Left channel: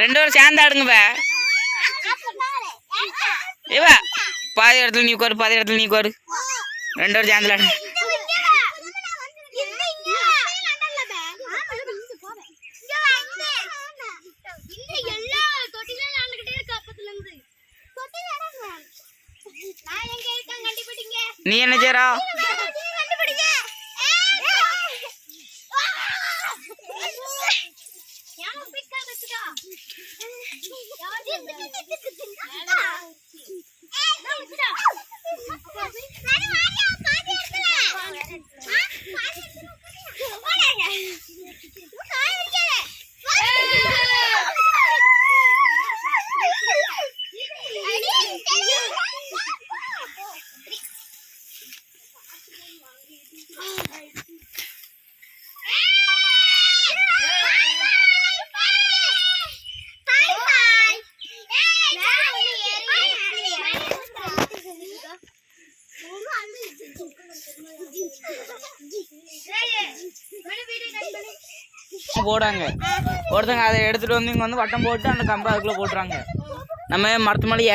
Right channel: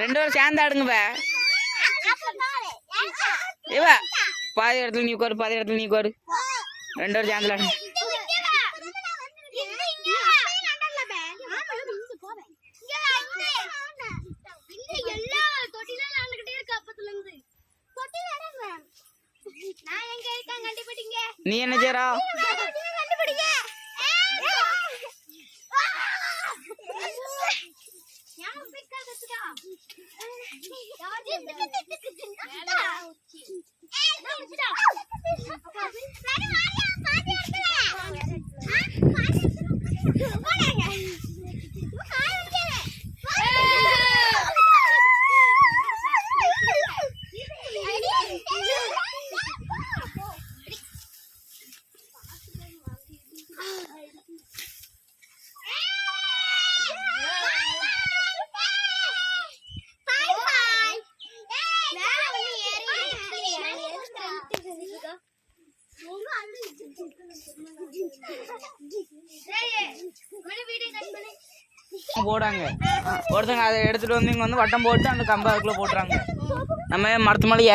ரெண்டு பேரும் சேர்ந்து ஆடுங்க இவ பாதி இடத்துல நீ உட்காரு பாதி இடத்துல நீ உட்காரு. ரெண்டு பேரும் சேர்ந்து ஆடுங்க நீ என்ன செய்றா? Bye-bye! போடாங்க ஒருத்தங்க அதை எடுத்துட்டு வந்து இங்க வந்து வட்டம் போட்டு அந்த கம்பை அதுக்குள்ள போட்டுறாங்க. நம்ம மரத்து மேலே